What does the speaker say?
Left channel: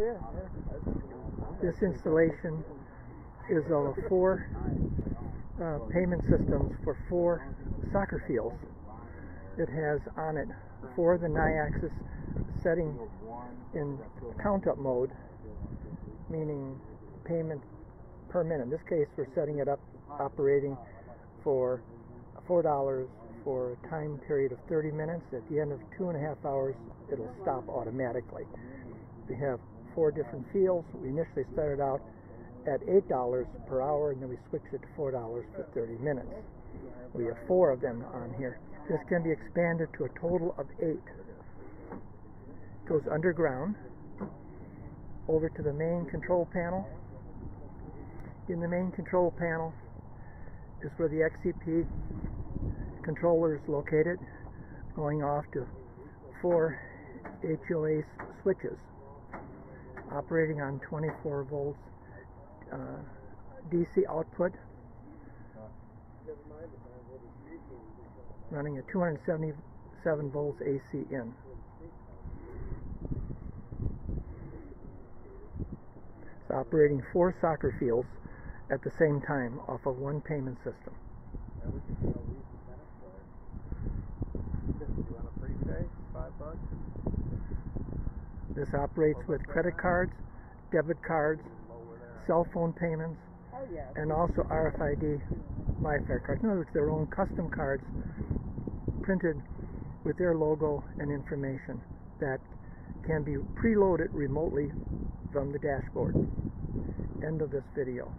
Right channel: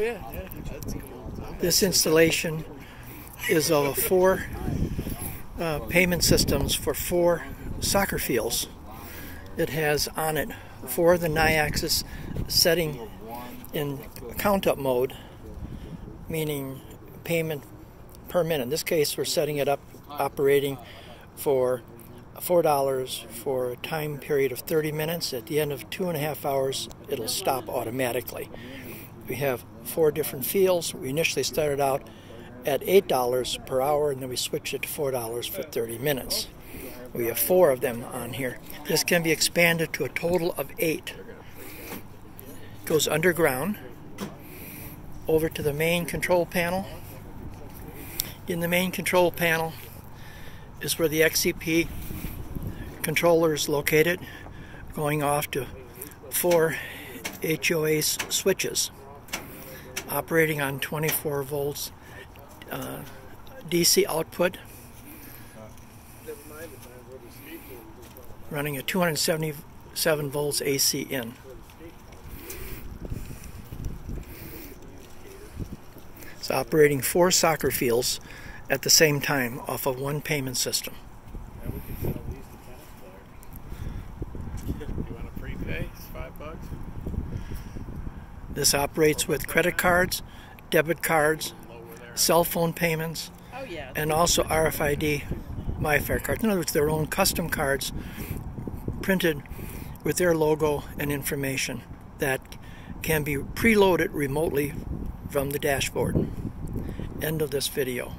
yeah, that's cool. This installation is of 4 payment systems for 4 soccer fields. It has on it 4 of the Nayaxes setting in count-up mode, meaning payment per minute. In this case, we're setting it up operating for $4 for a time period of 30 minutes. At the end of 2.5 hours, it'll stop automatically. We have 4 different fields. We initially started out at $8 per hour, and then we switched it to $4 for 30 minutes. We have 4 of them on here. This can be expanded to a total of 8. It goes underground, over to the main control panel. In the main control panel is where the XCP controller is located, going off to 4 HOA switches, operating on 24 volts DC output, running at 277 volts AC in. It's operating 4 soccer fields at the same time off of 1 payment system. You want to prepay? It's $5. This operates with credit cards, debit cards, cell phone payments, and also RFID MyFair cards. In other words, their own custom cards printed with their logo and information that can be preloaded remotely from the dashboard. End of this video.